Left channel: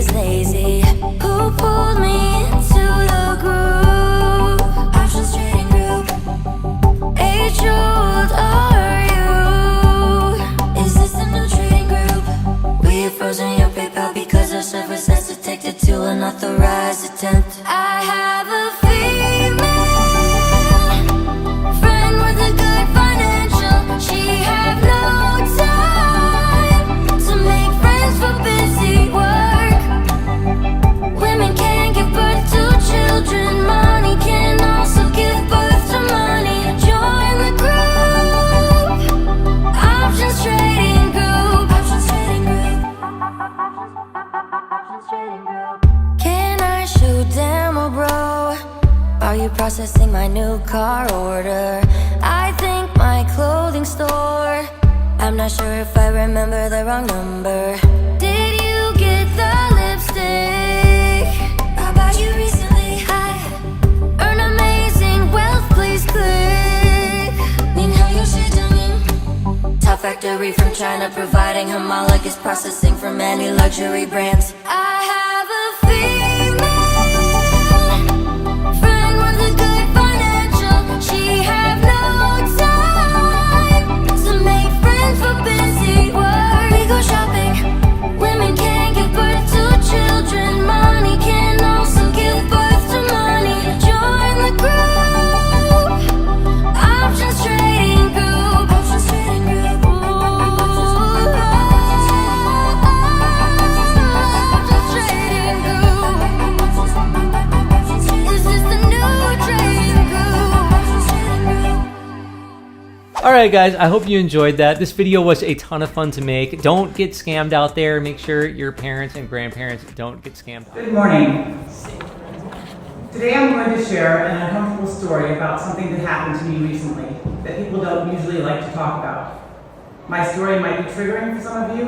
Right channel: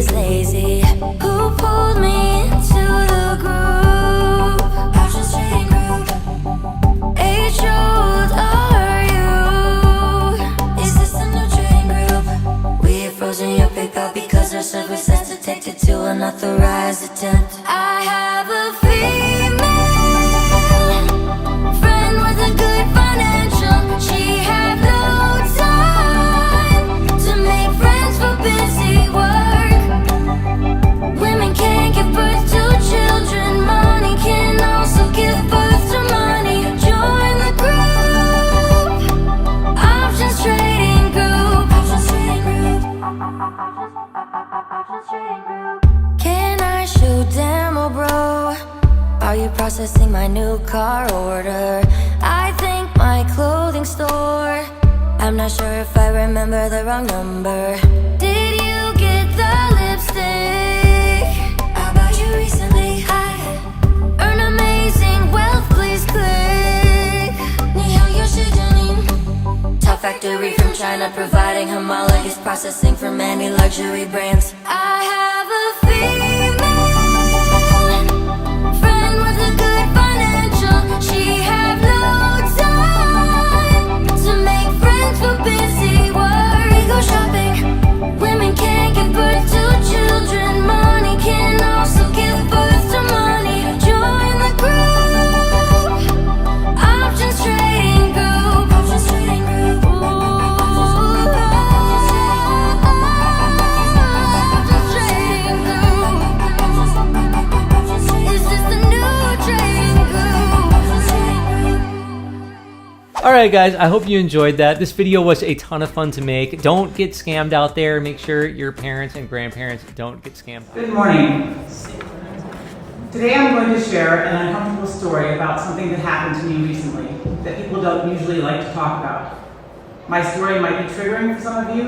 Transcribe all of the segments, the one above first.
is lazy. Who pulled me into the groove? Options trading group. Age-old are you? Is this a new trading group? We have frozen your PayPal because our service has detected to unauthorized attempt. I have a female friend with a good financial. She have no time to make friends for busy work. Women can't give birth to children. Money can also give birth to money. Join the group. Options trading group. Options trading group. Options trading group. Can I show demo, bro? Are you processing my new car order? I think my clothing store. I'm not sure if I remember the wrong number. Did you get the lipstick I bought you recently? I earn amazing wealth, please click. Top factory from China, providing homologous processing for many luxury brands. I have a female friend with a good financial. She have no time to make friends for busy work. We go shopping. Women can't give birth to children. Money can also give birth to money. Join the group. Options trading group. Options trading group. Options trading group. Is this the new trading group? All right, guys, I hope you enjoyed that. This video was a ton of fun to make. Don't get scammed out there. Make sure your parents and grandparents don't get scammed. Good morning. Today I'm going to share an uncomfortable story about something that happened to me recently that people don't usually like to talk about. My story might be triggering for some of you,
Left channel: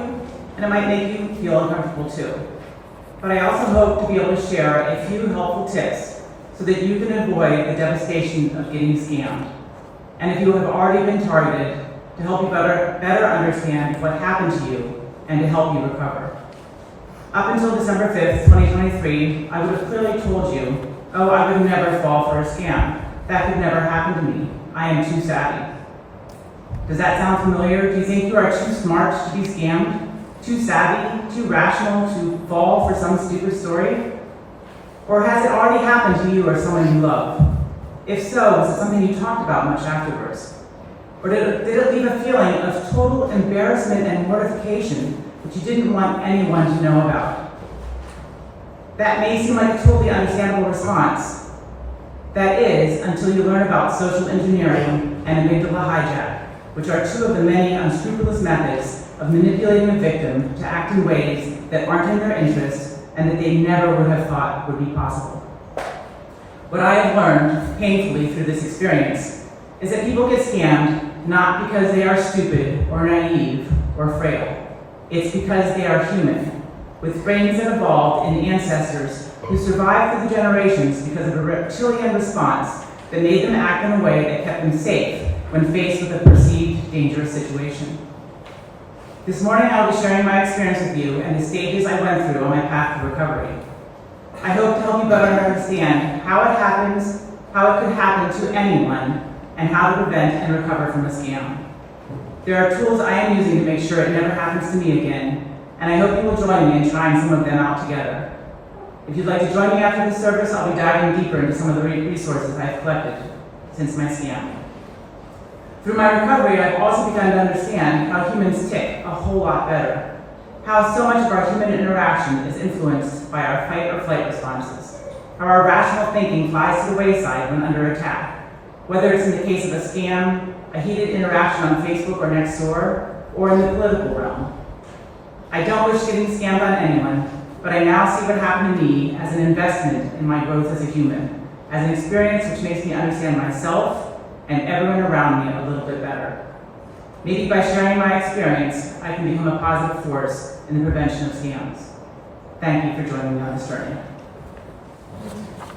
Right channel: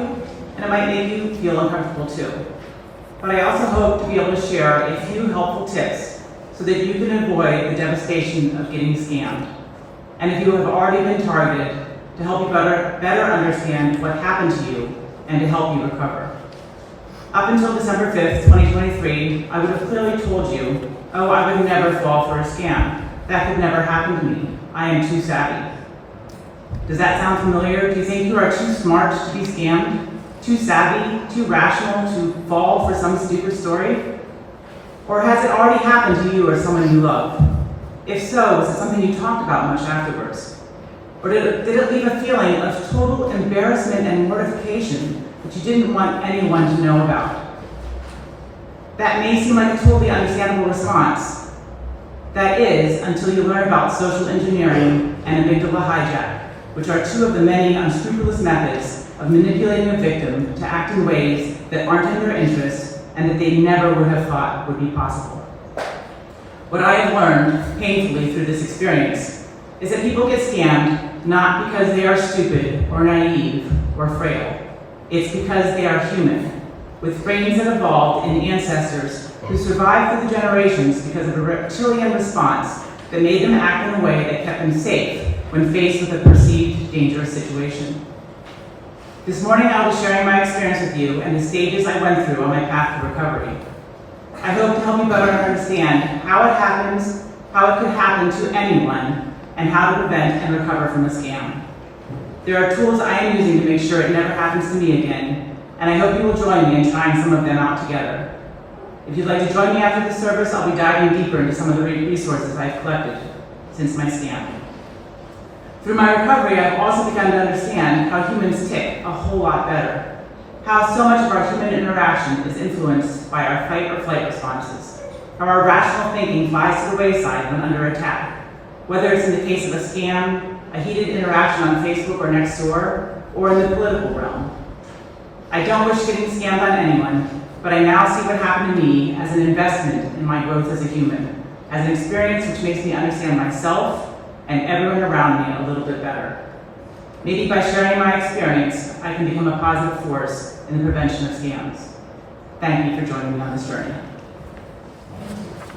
and it might make you feel uncomfortable too. But I also hope to be able to share a few helpful tips so that you can avoid the devastation of getting scammed. And if you have already been targeted, to help you better understand what happened to you and to help you recover. Up until December 5th, 2023, I would have clearly told you, oh, I would never fall for a scam. That could never happen to me. I am too savvy. Does that sound familiar? Do you think you are too smart to be scammed? Too savvy? Too rational to fall for some stupid story? Or has it already happened to you or someone you love? If so, was it something you talked about much afterwards? Or did it leave a feeling of total embarrassment and mortification that you didn't want anyone to know about? That may seem like a totally understandable response. That is, until you learn about social engineering and amygdala hijack, which are two of the many unscrupulous methods of manipulating a victim to act in ways that aren't in their interest and that they never would have thought would be possible. What I have learned painfully through this experience is that people get scammed not because they are stupid or naive or frail. It's because they are human, with brains that evolved in ancestors who survived through the generations because of a reptilian response that made them act in a way that kept them safe when faced with a perceived dangerous situation. This morning I will be sharing my experience with you and the stages I went through on my path to recovery. I hope to help you better understand how it happens, how it could happen to anyone, and how to prevent and recover from a scam. There are tools I am using to make sure it never happens to me again, and I hope you will join me in trying some of them out together. If you'd like to join me after the service, I'll be diving deeper into some of the resources I've collected since my scam. Through my recovery, I've also begun to understand how humans tick a whole lot better. How so much of our human interaction is influenced by our fight or flight responses. How our rational thinking flies to the wayside when under attack. Whether it's in the case of a scam, a heated interaction on Facebook or Nextdoor, or in the political realm. I don't wish getting scammed on anyone, but I now see what happened to me as an investment in my growth as a human, as an experience which makes me understand myself and everyone around me a little bit better. Maybe by sharing my experience, I can become a positive force in the prevention of scams. Thank you for joining me on this journey.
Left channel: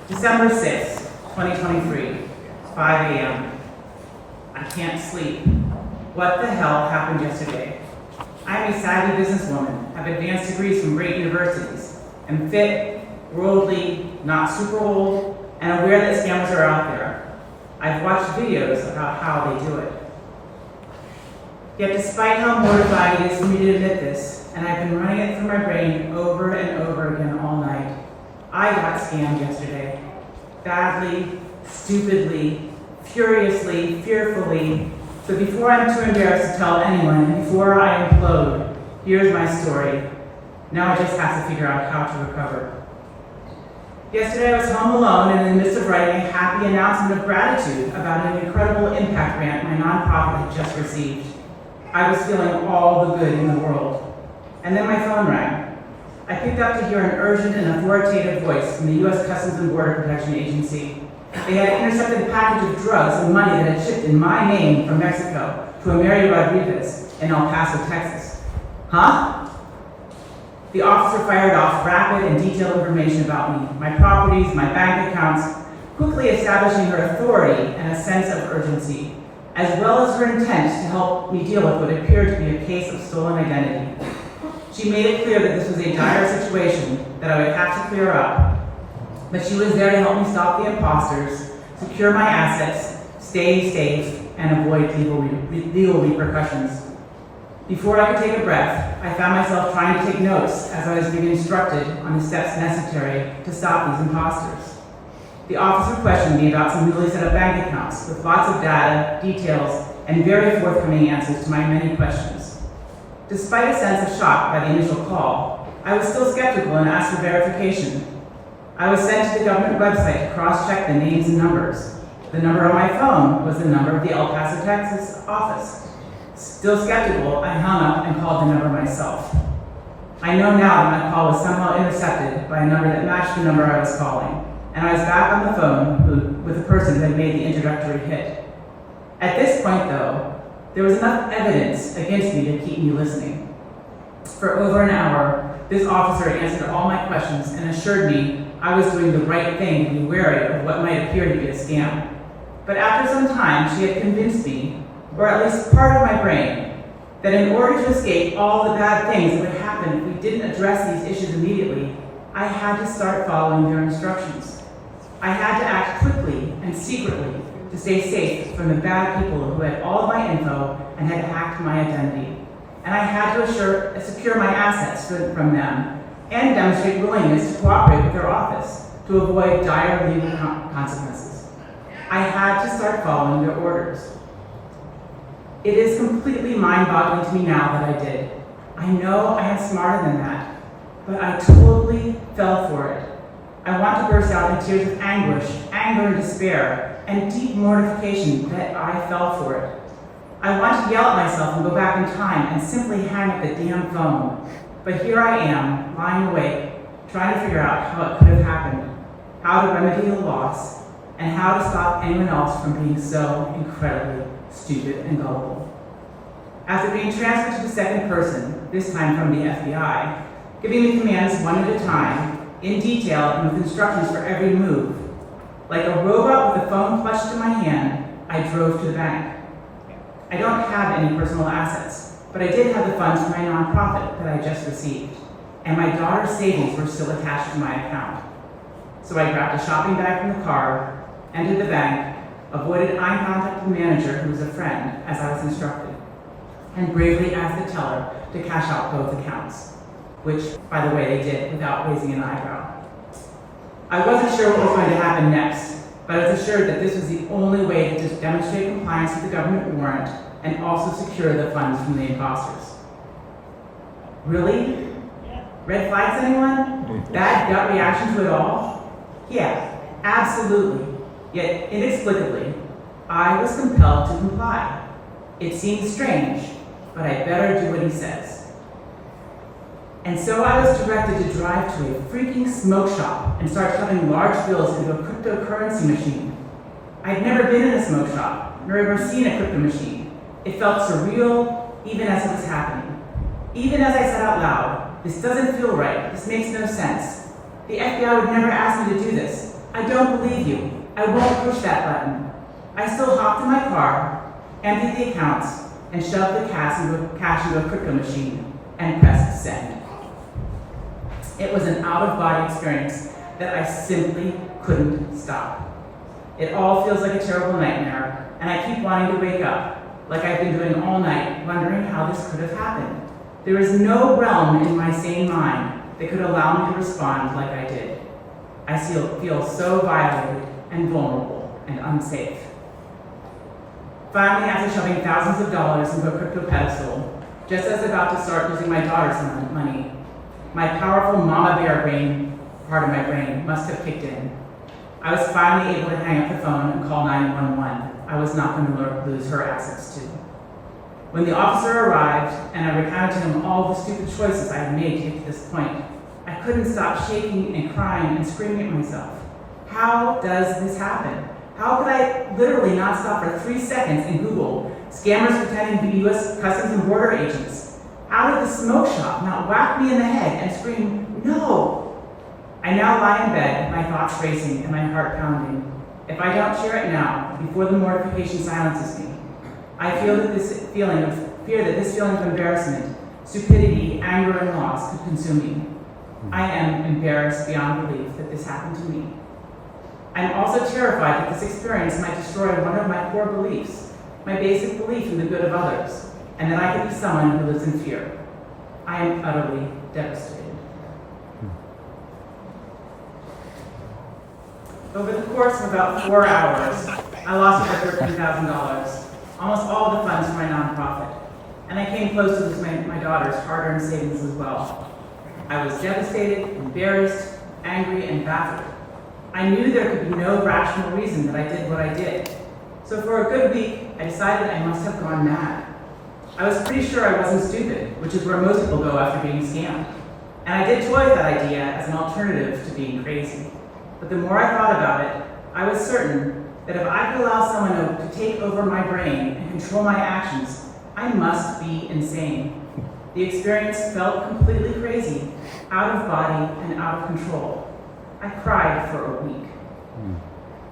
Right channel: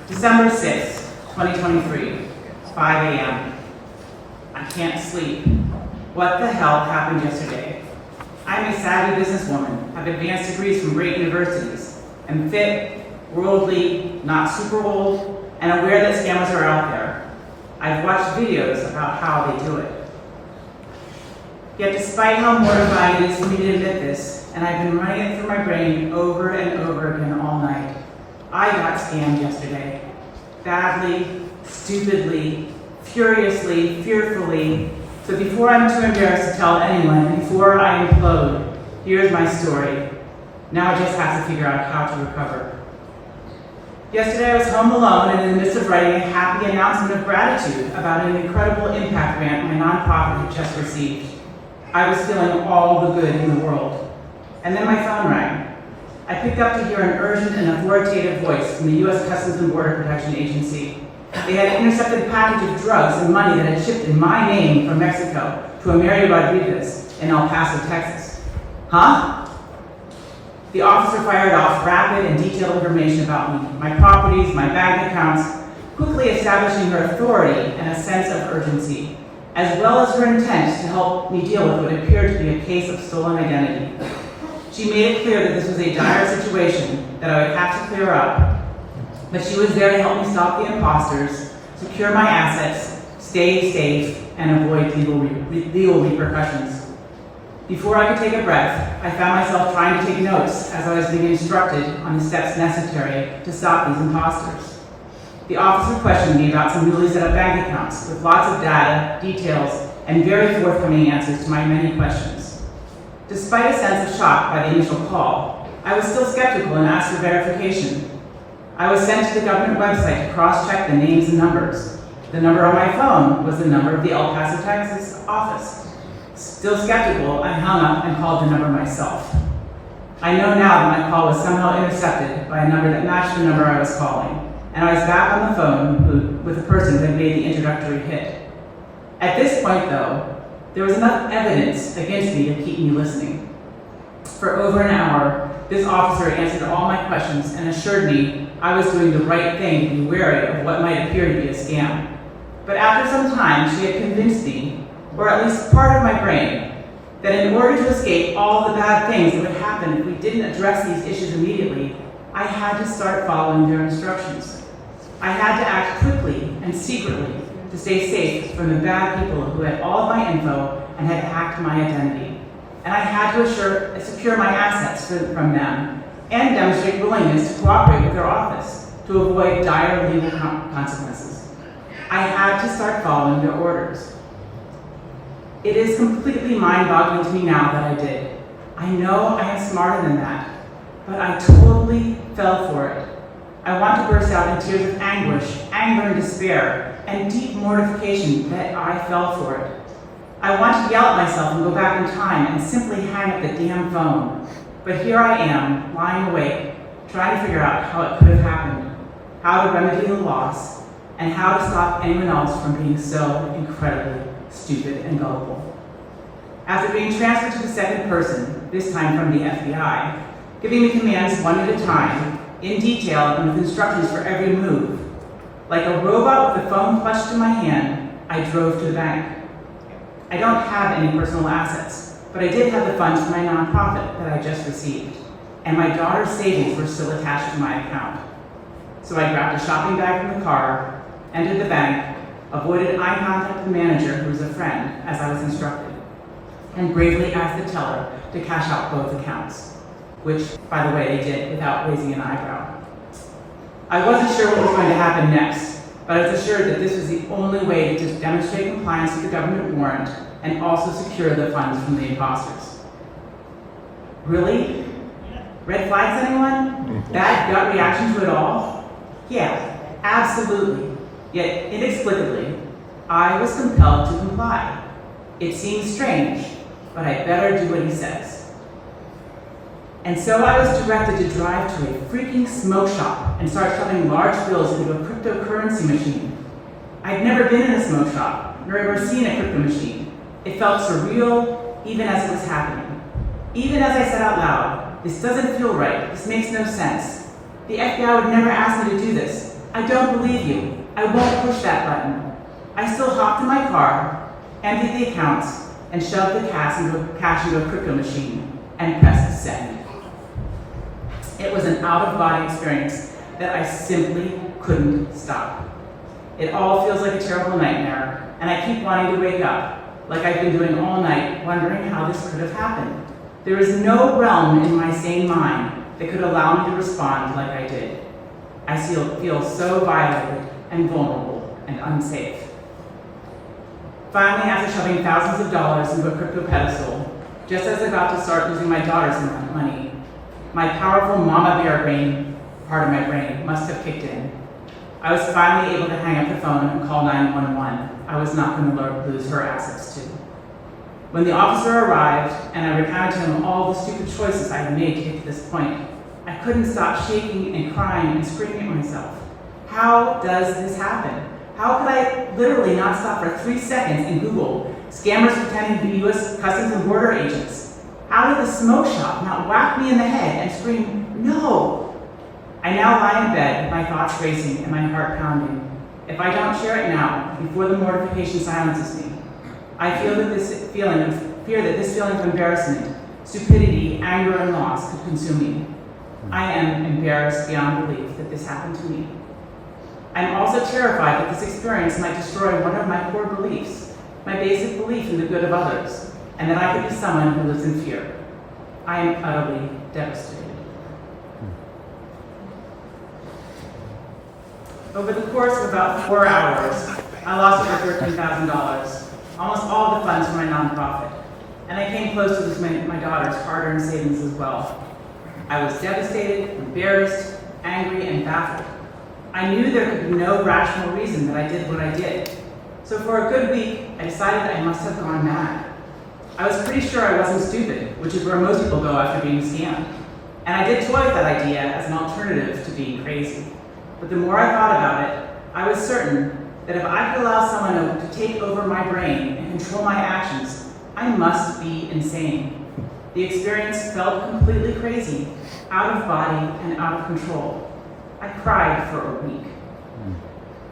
December 6th, 2023, 5 a.m. I can't sleep. What the hell happened yesterday? I'm a savvy businesswoman, have advanced degrees from great universities, am fit, worldly, not super old, and aware that scammers are out there. I've watched videos about how they do it. Yet despite how mortifying it is for me to admit this, and I've been running it through my brain over and over again all night, I got scammed yesterday. Badly, stupidly, furiously, fearfully. So before I'm too embarrassed to tell anyone, and before I implode, here's my story. Now I just have to figure out how to recover. Yesterday I was home alone and in the midst of writing a happy announcement of gratitude about an incredible impact grant my nonprofit had just received. I was feeling all the good in the world. And then my phone rang. I picked up to hear an urgent and authoritative voice from the U.S. Customs and Border Protection Agency. They had intercepted a package of drugs and money that had shipped in my name from Mexico to a Mary Rodriguez in El Paso, Texas. Huh? The officer fired off rapid and detailed information about me, my properties, my bank accounts, quickly establishing her authority and a sense of urgency, as well as her intent to help me deal with what appeared to be a case of stolen identity. She made it clear that this was a dire situation that I would have to clear up, but she was there to help me stop the imposters, secure my assets, stay safe, and avoid legal repercussions. Before I could take a breath, I found myself trying to take notes as I was being instructed on the steps necessary to stop these imposters. The officer questioned me about some newly set up bank accounts with lots of data, details, and very forthcoming answers to my many questions. Despite a sense of shock by the initial call, I was still skeptical and asked for verification. I was sent to the government website to cross-check the names and numbers. The number on my phone was the number of the El Paso, Texas office. Still skeptical, I hung up and called the number myself. I know now that my call was somehow intercepted by a number that matched the number I was calling, and I was back on the phone with the person who had made the introductory hit. At this point, though, there was enough evidence against me to keep me listening. For over an hour, this officer answered all my questions and assured me I was doing the right thing to be wary of what might appear to be a scam. But after some time, she had convinced me, or at least part of my brain, that in order to escape all the bad things that would happen if we didn't address these issues immediately, I had to start following their instructions. I had to act quickly and secretly to stay safe from the bad people who had all of my info and had hacked my identity. And I had to secure my assets from them and demonstrate willingness to cooperate with their office to avoid dire legal consequences. I had to start following their orders. It is completely mind-boggling to me now that I did. I know I am smarter than that, but I totally fell for it. I want to burst out in tears of anguish, anger and despair, and deep mortification that I fell for it. I want to yell at myself and go back in time and simply hang up the damn phone. But here I am, lying awake, trying to figure out how it could have happened, how to remedy the loss, and how to stop anyone else from being so incredibly stupid and gullible. After being transferred to the second person, this time from the FBI, giving me commands one at a time, in detail and with instructions for every move, like a robot with a phone clutched in my hand, I drove to the bank. I don't have any personal assets, but I did have the funds for my nonprofit that I just received, and my daughter's savings were still attached to my account. So I grabbed a shopping bag from the car, entered the bank, avoided eye contact with the manager, who was a friend, as I was instructed, and bravely asked the teller to cash out both accounts, which, by the way, they did without raising an eyebrow. I wasn't sure what was going to happen next, but I was assured that this was the only way to just demonstrate compliance with the government warrant and also secure the funds from the imposters. Really? Red flags, anyone? Bad gut reaction to it all? Yeah, absolutely. Yet, inexplicably, I was compelled to comply. It seems strange, but I better do what he says. And so I was directed to drive to a freaking smoke shop and start shoving large bills into a cryptocurrency machine. I'd never been in a smoke shop, nor ever seen a crypto machine. It felt surreal, even as it was happening. Even as I said out loud, this doesn't feel right, this makes no sense. The FBI would never ask me to do this. I don't believe you. I won't push that button. I still hopped in my car, emptied the accounts, and shoved the cash into a crypto machine and pressed send. It was an out-of-body experience that I simply couldn't stop. It all feels like a terrible nightmare, and I keep wanting to wake up, like I've been doing all night, wondering how this could have happened. There is no realm in my sane mind that could allow me to respond like I did. I feel so violated and vulnerable and unsafe. Finally, after shoving thousands of dollars into a crypto pedestal, just as about to start losing my daughter's money, my powerful mama bear brain, part of my brain, must have kicked in. I was finally able to hang up the phone and call 911. I was not going to lose her access to. When the officer arrived and I recounted to him all the stupid choices I had made to get to this point, I couldn't stop shaking and crying and screaming at myself. How does this happen? How could I literally not stop for 3 seconds and Google scammers pretending to be U.S. Customs and Border agents? How did the smoke shop not whack me in the head and scream, no? I now lie in bed, my thoughts racing and my heart pounding. If I don't share it now, before the mortification silences me, I feel that this feeling of embarrassment, stupidity, anger, and loss could consume me. I am embarrassed beyond belief that this happened to me. I'm also terrified that this experience might destroy one of my core beliefs, my basic belief in the good of others, and that I could be someone who lives in fear. I am utterly devastated. Over the course of about 4 hours, I lost over $13,000, almost all the funds for my nonprofit, and I came close to losing my daughter's hard-earned savings as well. I was devastated, embarrassed, angry, and baffled. I knew there could be no rational reason that I did what I did. So for a good week, I decided I must have gone mad. I was pretty sure I wasn't stupid, which is where most people go after being scammed. And I did toy with that idea as an alternative to being crazy. But the more I thought about it, I was certain that if I could allow someone to take over my brain and control my actions, I must be insane. The experience felt completely crazy, out of body and out of control. I cried for a week.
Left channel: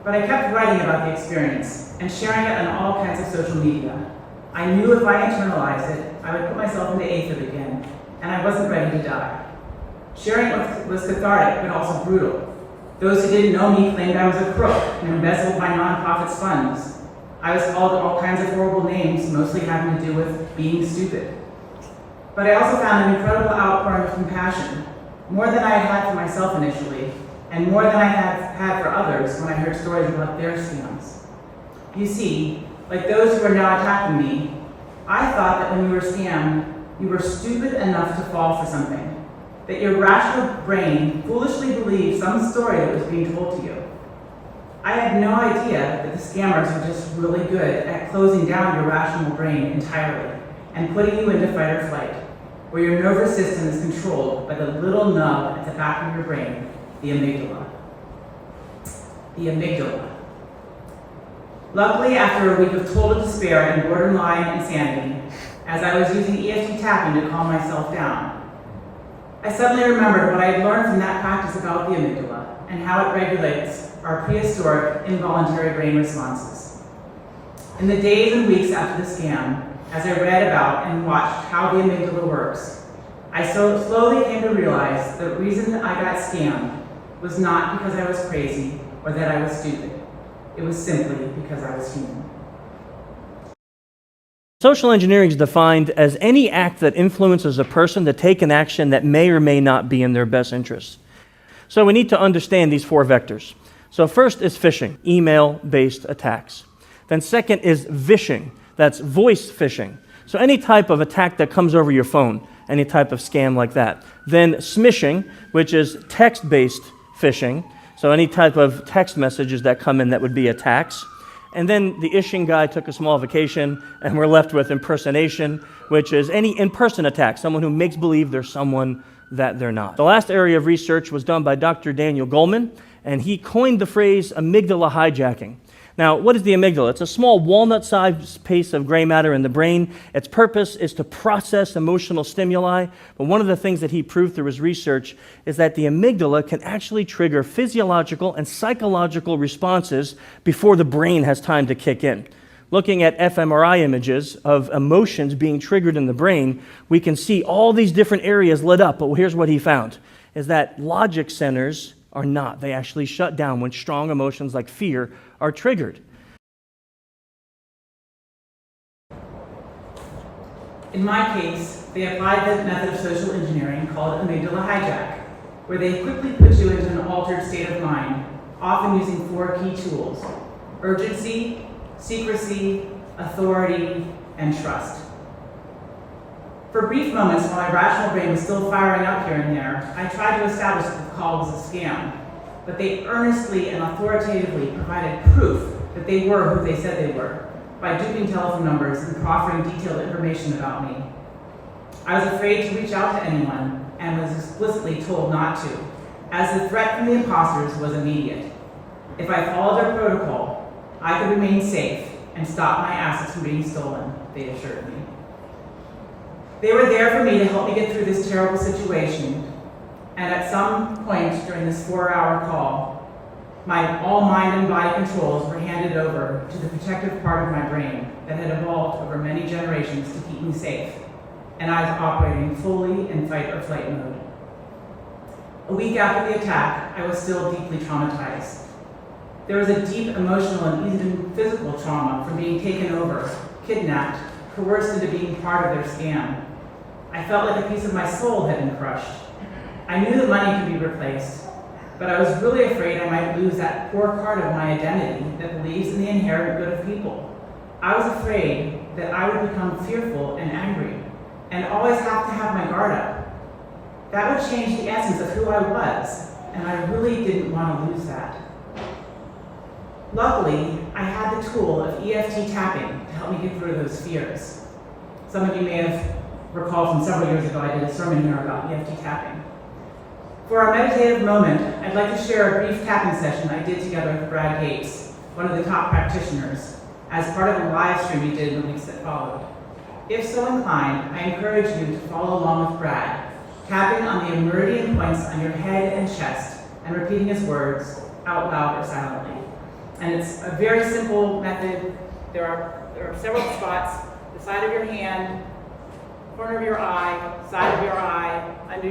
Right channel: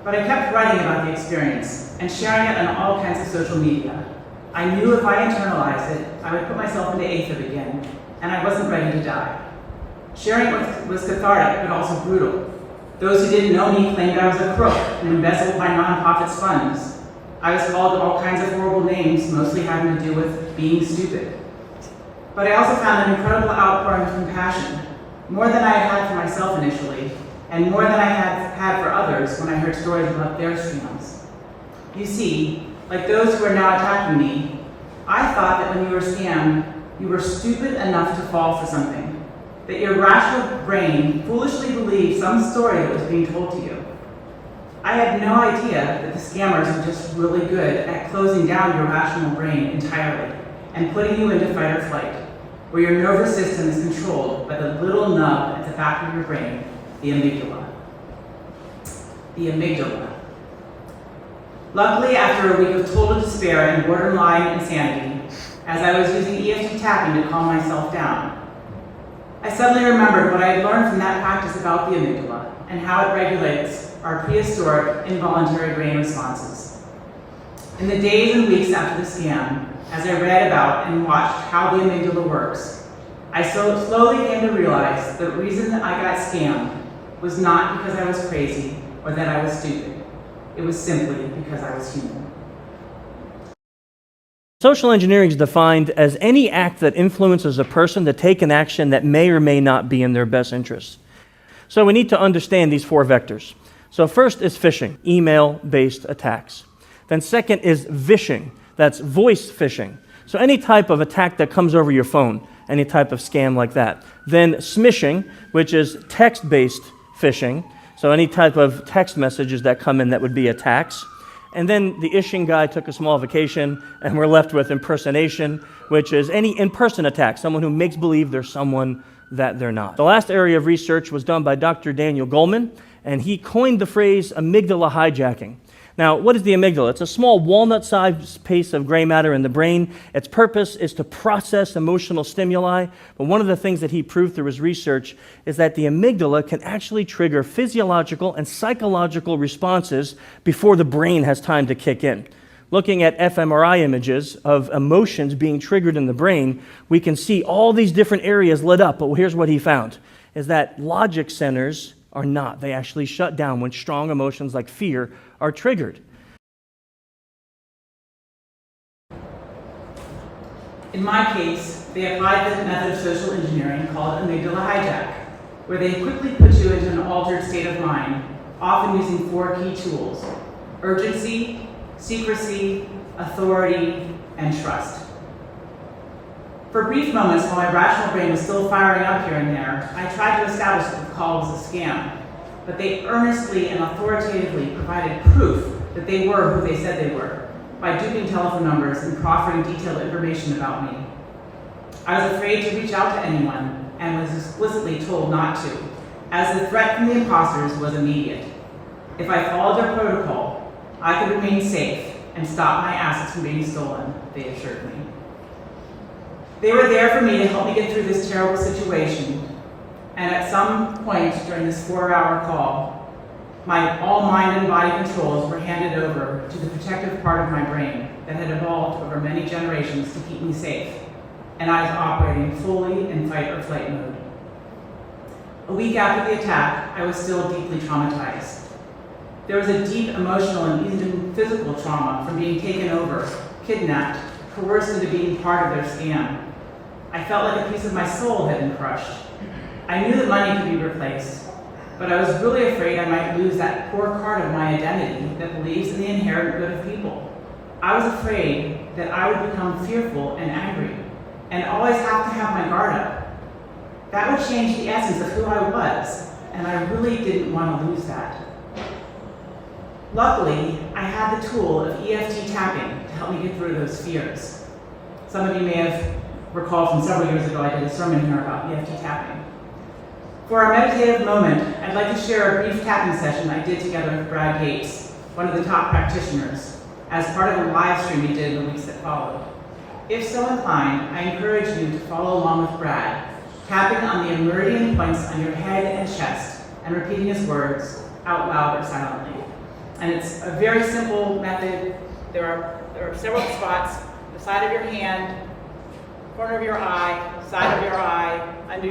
But I kept writing about the experience and sharing it on all kinds of social media. I knew if I internalized it, I would put myself into AFib again, and I wasn't ready to die. Sharing it was cathartic, but also brutal. Those who didn't know me claimed I was a crook and embezzled my nonprofit's funds. I was called all kinds of horrible names, mostly having to do with being stupid. But I also found an incredible outpouring of compassion, more than I had had for myself initially, and more than I had for others when I heard stories about their scams. You see, like those who are now attacking me, I thought that when you were scammed, you were stupid enough to fall for something, that your rational brain foolishly believed some story that was being told to you. I had no idea that the scammers are just really good at closing down your rational brain entirely and putting you into fight or flight, where your nervous system is controlled by the little nub at the back of your brain, the amygdala. The amygdala. Luckily, after a week of total despair and borderline insanity, as I was using EFT tapping to calm myself down, I suddenly remembered what I had learned from that practice about the amygdala and how it regulates our prehistoric involuntary brain responses. In the days and weeks after the scam, as I read about and watched how the amygdala works, I slowly came to realize the reason that I got scammed was not because I was crazy or that I was stupid. It was simply because I was human. Social engineering is defined as any act that influences a person to take an action that may or may not be in their best interest. So we need to understand these 4 vectors. So first is phishing, email-based attacks. Then second is vishing, that's voice phishing. So any type of attack that comes over your phone, any type of scam like that. Then smishing, which is text-based phishing. So any type of text messages that come in that would be attacks. And then the ishing guy took a small vacation, and we're left with impersonation, which is any in-person attack, someone who makes believe they're someone that they're not. The last area of research was done by Dr. Daniel Goleman, and he coined the phrase amygdala hijacking. Now, what is the amygdala? It's a small walnut-sized piece of gray matter in the brain. Its purpose is to process emotional stimuli, but one of the things that he proved through his research is that the amygdala can actually trigger physiological and psychological responses before the brain has time to kick in. Looking at fMRI images of emotions being triggered in the brain, we can see all these different areas lit up. But here's what he found, is that logic centers are not. They actually shut down when strong emotions like fear are triggered. In my case, they applied the method of social engineering called amygdala hijack, where they quickly put you into an altered state of mind, often using 4 key tools: urgency, secrecy, authority, and trust. For brief moments while my rational brain was still firing up here and there, I tried to establish that the call was a scam, but they earnestly and authoritatively provided proof that they were who they said they were, by duping telephone numbers and proffering detailed information about me. I was afraid to reach out to anyone and was explicitly told not to, as the threat from the imposters was immediate. If I followed their protocol, I could remain safe and stop my assets from being stolen, they assured me. They were there for me to help me get through this terrible situation, and at some point during this 4-hour call, all mind and body controls were handed over to the protective part of my brain that had evolved over many generations to keep me safe, and I was operating fully in fight or flight mode. A week after the attack, I was still deeply traumatized. There was a deep emotional and even physical trauma from being taken over, kidnapped, coerced into being part of their scam. I felt like a piece of my soul had been crushed. I knew that money could be replaced, but I was really afraid I might lose that core part of my identity that believes in the inherent good of people. I was afraid that I would become fearful and angry, and always have to have my guard up. That would change the essence of who I was, and I really didn't want to lose that. Luckily, I had the tool of EFT tapping to help me get through those fears. Some of you may have recalled from several years ago, I did a sermon here about EFT tapping. For our meditative moment, I'd like to share a brief tapping session I did together with Brad Gates, one of the top practitioners, as part of a live stream we did in the weeks that followed. If so inclined, I encourage you to follow along with Brad, tapping on the meridian points on your head and chest, and repeating his words out loud or silently. And it's a very simple method. There are several spots: the side of your hand, corner of your eye, side of your eye, under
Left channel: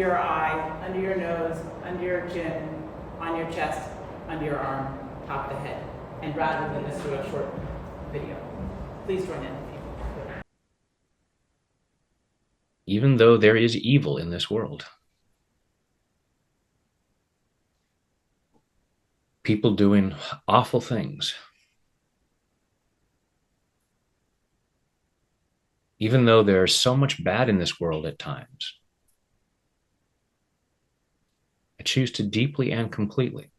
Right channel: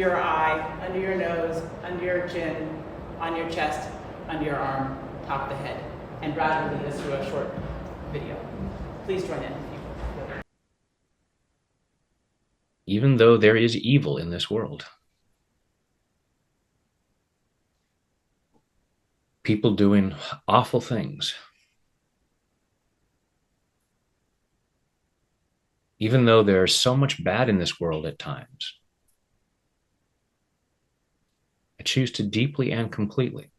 your nose, under your chin, on your chest, under your arm, top of the head. And Brad will lead us through a short video. Please join in. Even though there is evil in this world, people doing awful things, even though there's so much bad in this world at times, I choose to deeply and completely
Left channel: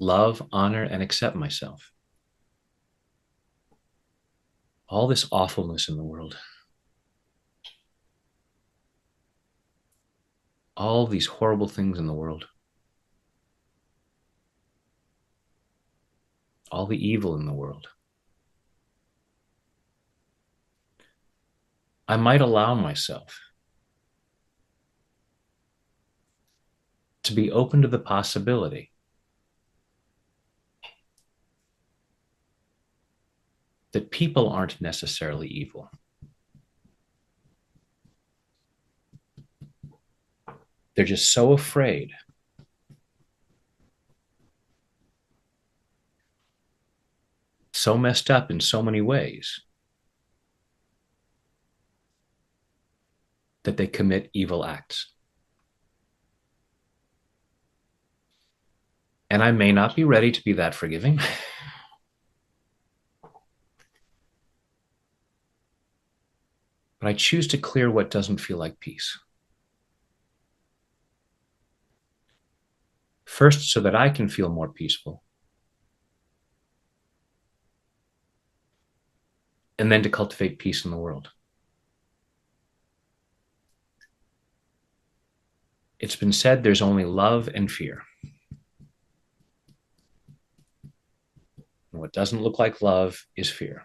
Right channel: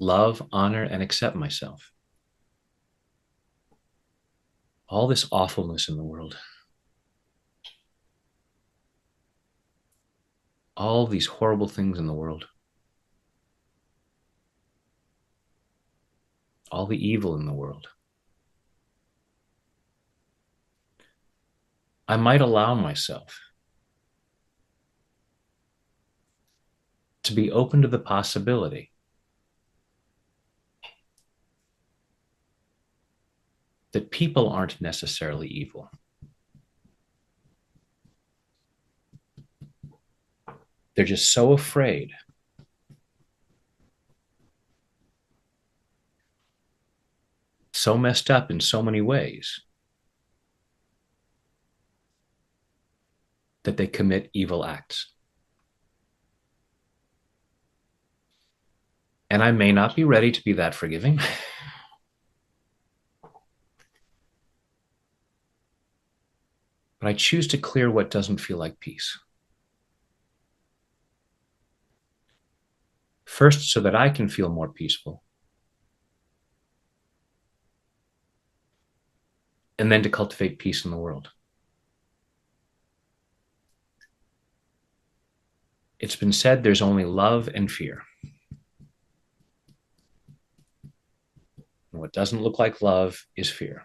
love, honor, and accept myself. All this awfulness in the world, all these horrible things in the world, all the evil in the world, I might allow myself to be open to the possibility that people aren't necessarily evil. They're just so afraid so messed up in so many ways that they commit evil acts. And I may not be ready to be that forgiving. But I choose to clear what doesn't feel like peace. First, so that I can feel more peaceful. And then to cultivate peace in the world. It's been said there's only love and fear. And what doesn't look like love is fear.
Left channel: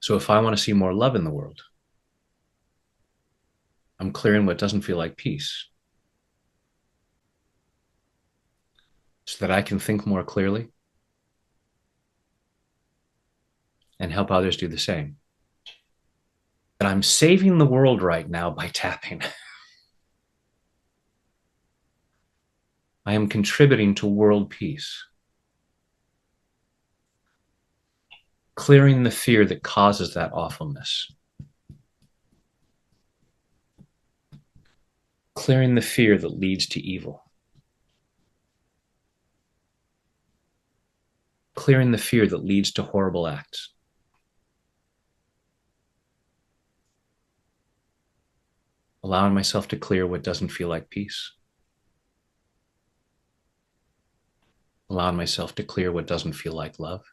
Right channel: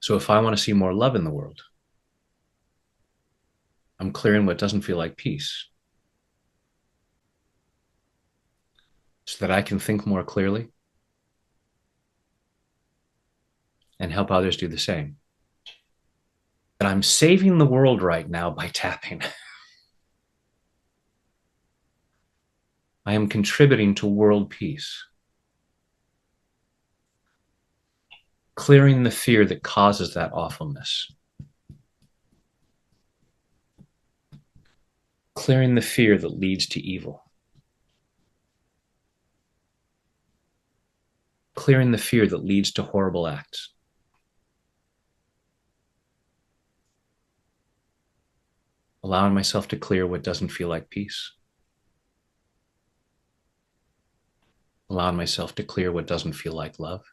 So if I want to see more love in the world, I'm clearing what doesn't feel like peace. so that I can think more clearly and help others do the same. That I'm saving the world right now by tapping. I am contributing to world peace, clearing the fear that causes that awfulness, clearing the fear that leads to evil, clearing the fear that leads to horrible acts. Allowing myself to clear what doesn't feel like peace. Allowing myself to clear what doesn't feel like love.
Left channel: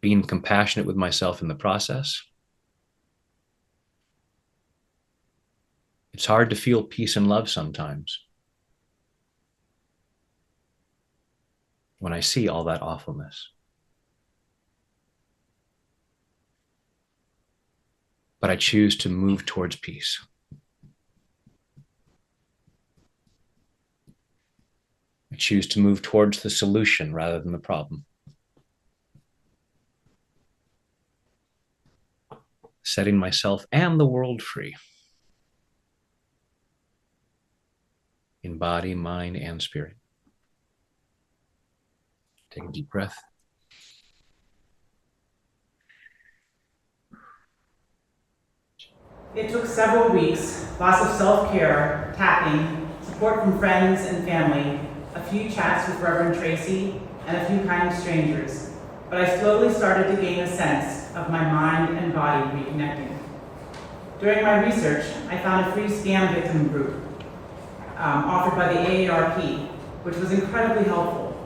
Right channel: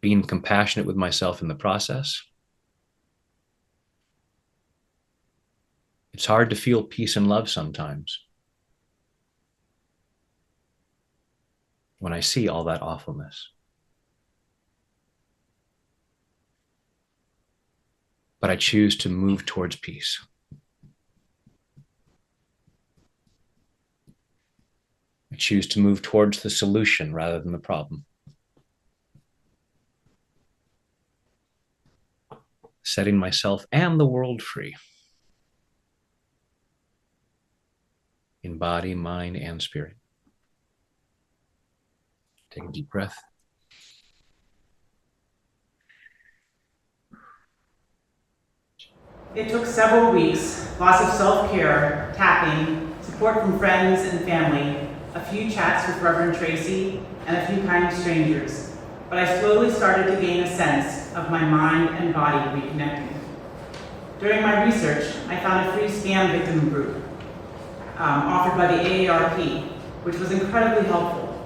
Being compassionate with myself in the process. It's hard to feel peace and love sometimes when I see all that awfulness. But I choose to move towards peace. I choose to move towards the solution rather than the problem. Setting myself and the world free. In body, mind, and spirit. Take a deep breath. It took several weeks, lots of self-care, tapping, support from friends and family, a few chats with Reverend Tracy, and a few kind strangers. But I slowly started to gain a sense of my mind and body reconnecting. During my research, I found a free scam victim group offered by the AARP, which was incredibly helpful.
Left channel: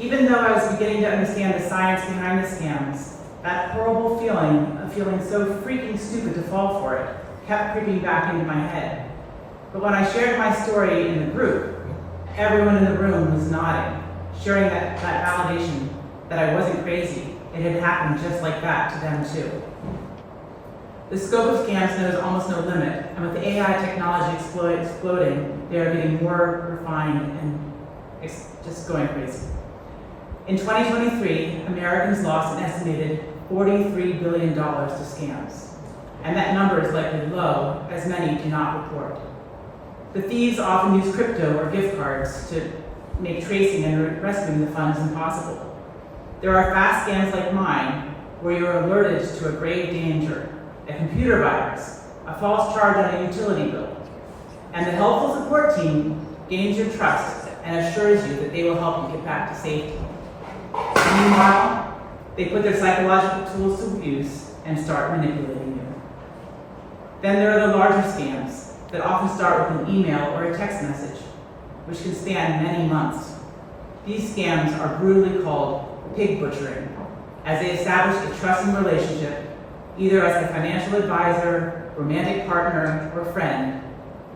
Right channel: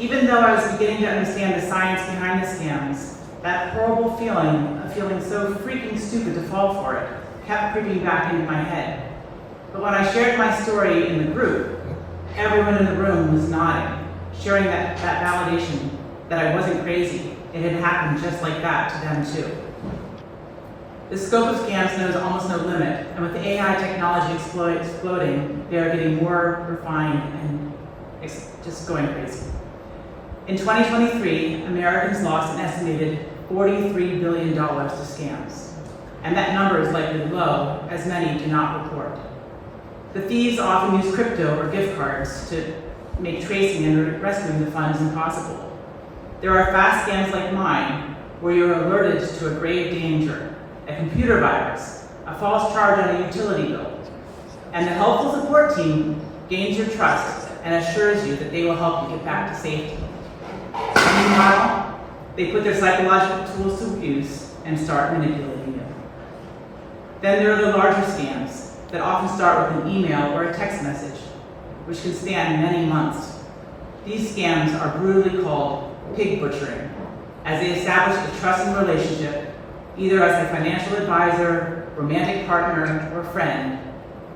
Even though I was beginning to understand the science behind the scams, that horrible feeling of feeling so freaking stupid to fall for it kept creeping back into my head. But when I shared my story in the group, everyone in the room was nodding, sharing that validation that I wasn't crazy. It had happened just like that to them too. The scope of scams knows almost no limit, and with the AI technology exploding, they are getting more refined and just going crazy. In 2023, Americans lost an estimated $43 billion to scams, and that number is likely low, as many do not report. The thieves often use crypto or gift cards to make tracing and rescuing the funds impossible. There are fast scams like mine, where you're alerted to a grave danger, a computer virus, a false charge on a utility bill, and the helpful support team gains your trust and assures you that they will help you get back to safety. Meanwhile, they put their psychological tools to use and start manipulating you. Then there are the larger scams that often start with an email or a text message, which can span many months. These scams are brutally called pig butchering, as they establish a trusting relationship, either as a financial advisor, romantic partner, or friend,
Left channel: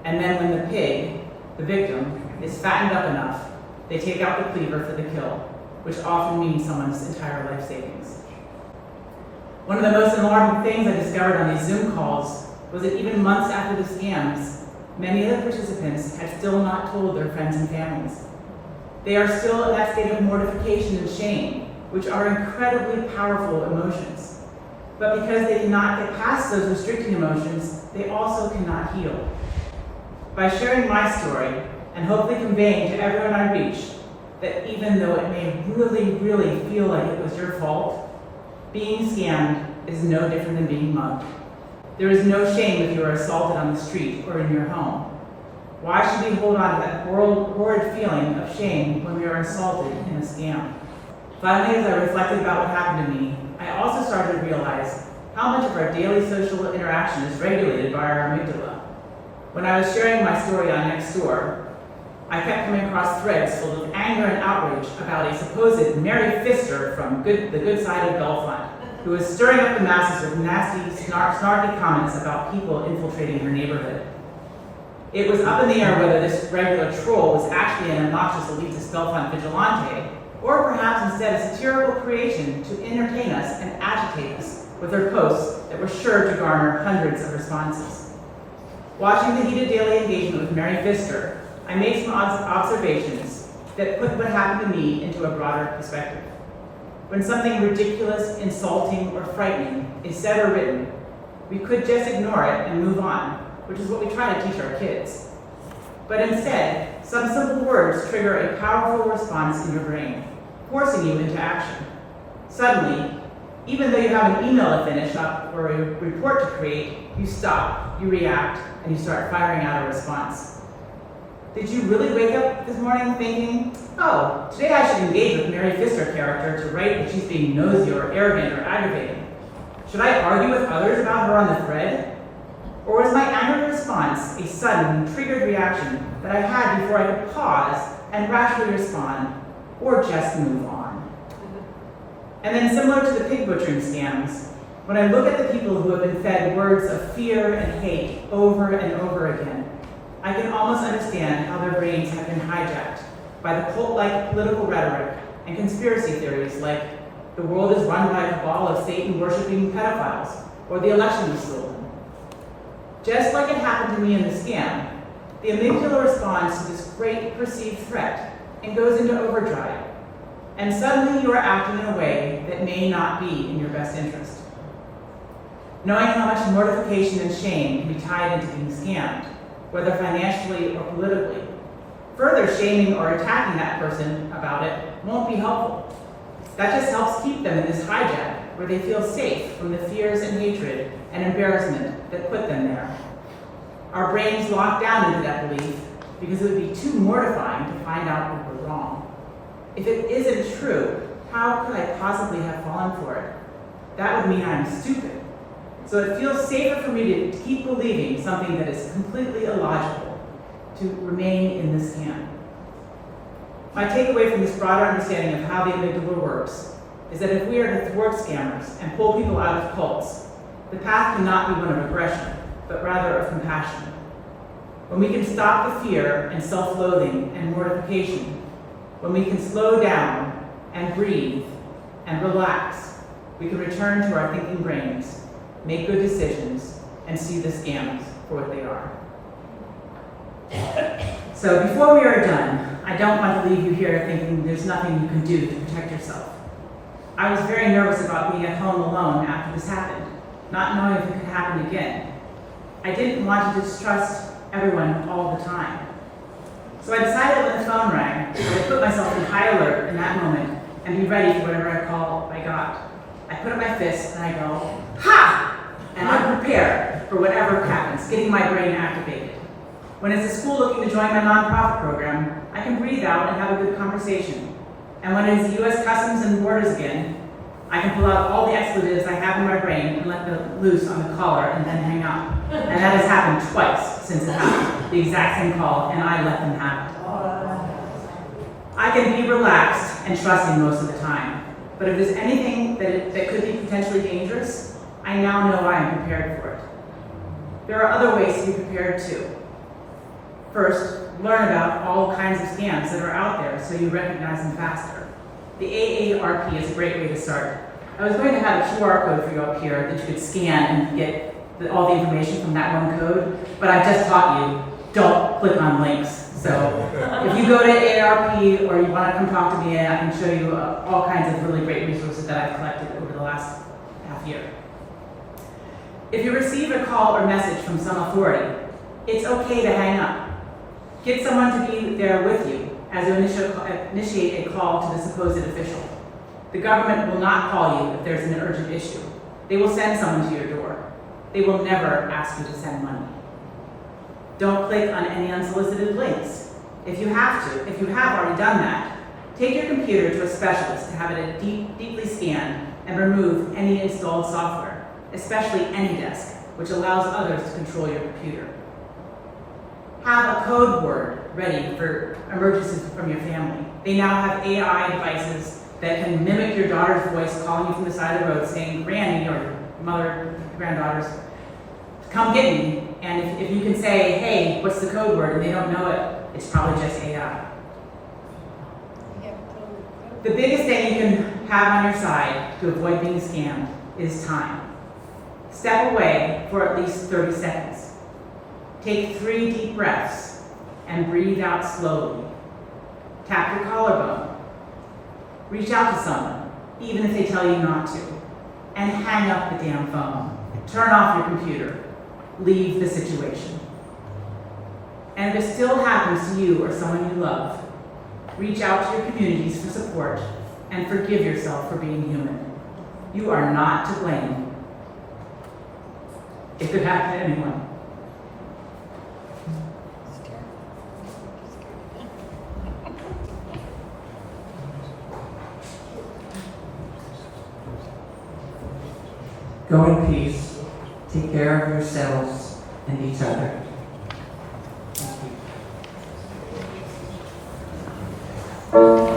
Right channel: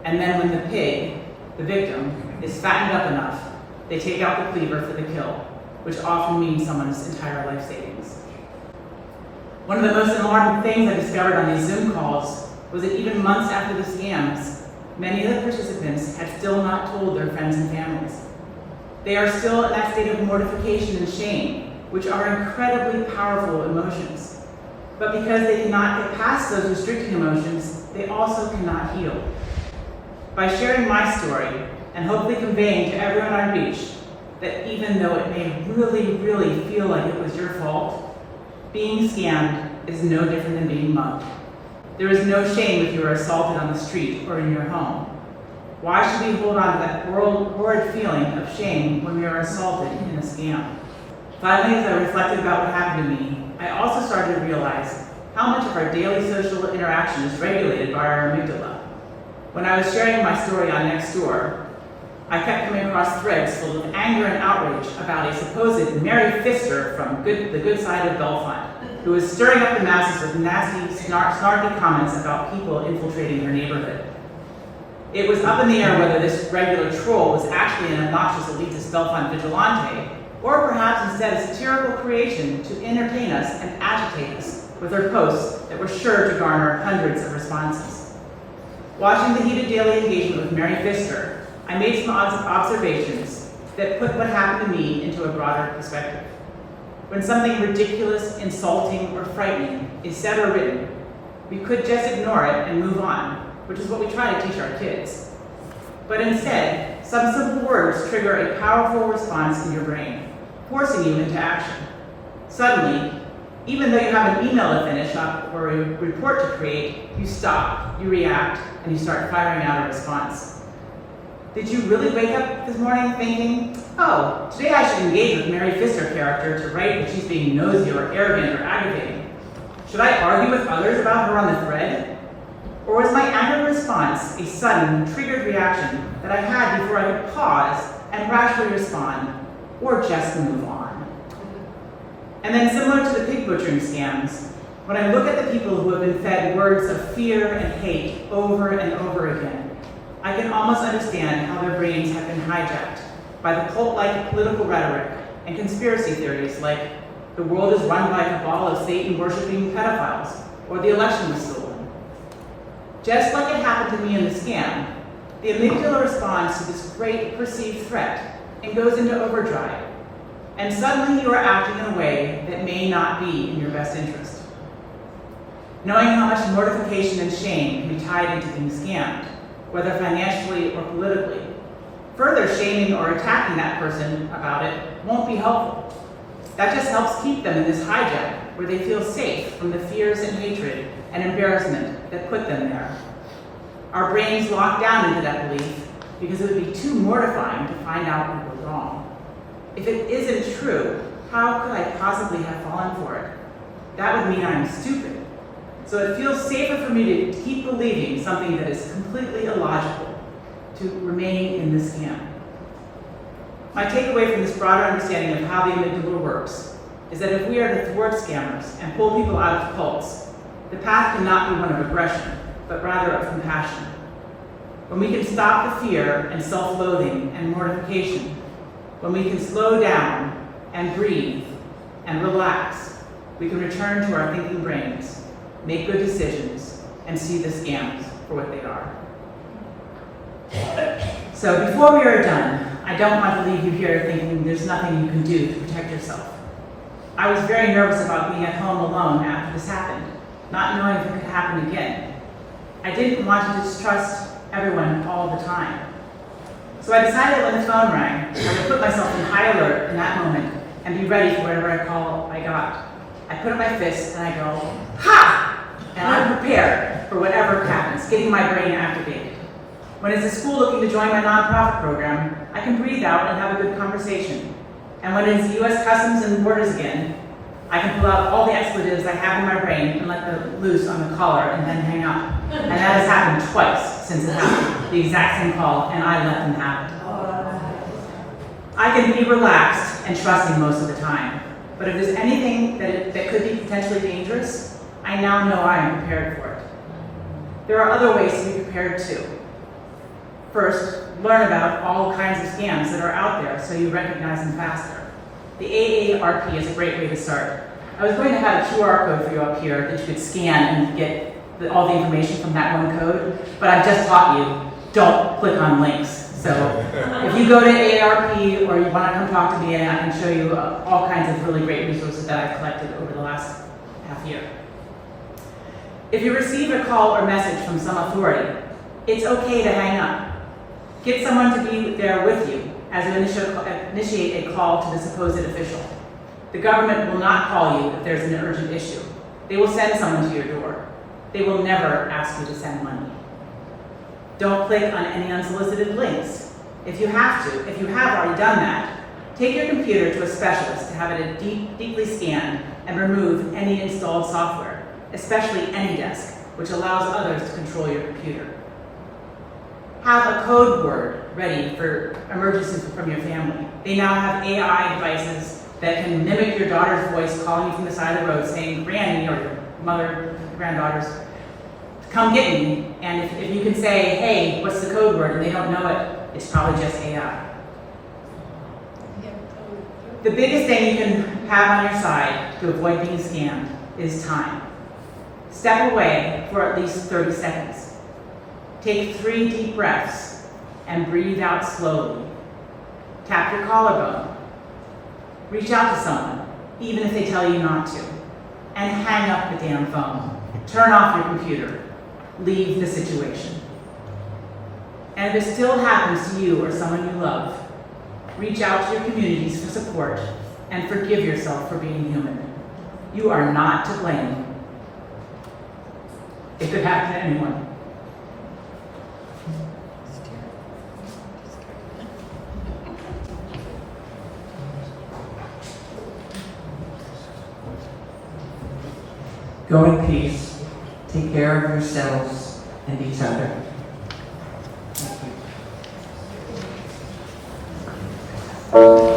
and then when the pig, the victim, is fattened up enough, they take out the cleaver for the kill, which often means someone's entire life savings. One of the most alarming things I discovered on these Zoom calls was that even months after the scams, many of the participants had still not told their friends and families. They are still in that state of mortification and shame, which are incredibly powerful emotions. But because they cannot get past those restricting emotions, they also cannot heal. By sharing my story and hopefully conveying to everyone I reach that even though it may really feel like it was your fault, being scammed is no different than being mugged. There is no shame if you are assaulted on the street or in your home. Why should we hold on to that horrid feeling of shame when we are assaulted in a scam? Finally, as I reflected about what happened to me, I also started to realize how much of our daily social interaction is regulated by our amygdala. When I was sharing my story on Nextdoor, I kept coming across threads full of anger and outrage about a supposed Mary Fister from the good side of Belfont, who was stirring up the masses with nasty, snarky comments about people infiltrating her neighborhood. It was up in the air whether this regular troll was actually an obnoxious elitist Belfont vigilante, or perhaps instead a satirical creation to entertain us and agitate us with her posts that were sure to garner hundreds of responses. Watching the heated daily engagement with Mary Fister, I made some observations that put what happened to me into a broader perspective. When something ridiculous, insulting, or frightening is said or written, we could just ignore it and move on, which is what we try to teach our kids. But instead, some simple words trigger a powerful response in your brain, forcing you into action. Suddenly, even though you have an email to finish up or a report to create, you stop, you react, and you start firing out a response. Did you really wake up this morning thinking, oh, today I should engage with Mary Pfister character to write that she's being nosy or arrogant or aggravating? Should I argue with others about her on the thread? Or was my anger response a sudden, triggered reaction that I had before I could pause and rationally respond, or just move on? And then similar to the pig butchering scams, when I look at the people who have been fed words of fear and hate over and over again, I can almost understand how their brains have been hijacked by the cult-like political rhetoric and conspiracy theories like the world is run by a cabal of Satan-worshipping pedophiles, or the election was stolen. Just like it happened to me in the scam, the amygdala responds to this great perceived threat and goes into overdrive. And suddenly you are acting in a way that may not be in your best interest. Knowing how much mortification and shame can be tied into being scammed, whether financially or politically, further shaming or attacking that person about it won't be helpful. That just helps keep them in this hijack where they feel safe from the fears and hatred and embarrassment that put them there. Our brains lock down into that belief because it would be too mortifying to find out we were wrong. If it isn't true, how could I possibly have fallen for it? That would mean I'm stupid. So it feels safer for me to keep believing something that is completely illogical, to remain in the scam. My takeaway from this broader understanding of how the amygdala works is that if we are to thwart scammers and pull people out of cults, the path cannot be one of aggression, but rather of compassion. When we can stop the fear and self-loathing and mortification, when we can slow down and breathe and relax, we can return to our thinking brains, make good decisions, and see the scams for what they are. So before we are done, I don't want to leave you here thinking there's nothing you can do to protect yourself. I was very nervous about being at home alone after this happened, not knowing if it could happen again. I didn't want to distrust everyone all the time. So I decided when the phone rang, I would put myself in high alert in that moment and be ready for whatever call I got. I put up my fist and I go, ha! And I'm prepared for whatever happens, getting my brain activated. When it's a school looking to join my nonprofit program, I can breathe out and have a good conversation. And when it's U.S. Customs and Borders again, I can pull out all the expletives I have in my brain and let them loose on the caller and then hang up. And that has happened twice since it happened, the exact same call, and I let them have it. I can be relaxed and trusting most of the time, but if there's anything that could be potentially dangerous, I now know I am prepared for it. There are other ways to be prepared too. First, learn about all kinds of scams that are out there so you recognize them faster. The AARP is a great way to start. I was going to have a QR code for you up here that you could scan and get all the information from that one code, but I've just taught you, don't click on links. So if you go to AARP or you want to come talk to me, I can show you all kinds of really great resources that I've collected over the last half year. If you receive a call or message from some authority, it's okay to hang up. Get someone to be there with you as you initiate a call to the supposed official. The government will not call you if there's an urgent issue. They will send someone to your door. They will never ask you to send money. Don't click on any unsolicited links. If you have already done that, take your computer to a specialist to have it deeply scanned and remove any installed software, especially AnyDesk, which allows others to control your computer. Have a code word ready for emergencies from your family. They now have AI devices that can mimic your daughter's voice calling you from the side of the road saying, Granny, or your mother, granddaughters, come get me. And if you can say, hey, what's the code word, and they don't know it, it's probably just AI. The biggest thing you can have on your side to avoid being scammed is time. Step away for at least 30 seconds. Take 3 deep breaths and breathe out slowly. Tap your collarbone. Reach out to someone, even if they tell you not to. And hang up the damn phone. Turn off your computer. Leave the situation. And if it still happens to you or someone you love, reach out to your communities for support and forgive yourself for being human. You are not to blame. It could happen to anyone. Go in peace. Take care of yourselves and each other. Thank you.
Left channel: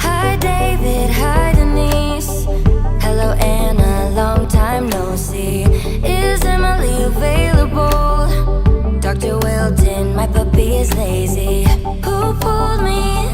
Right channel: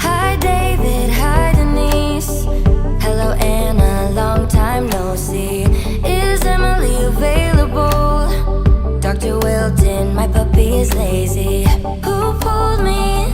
Hi David, hi Denise. Hello Anna, long time no see. Is Emily available? Dr. Wilton, my puppy is lazy. Who pulled me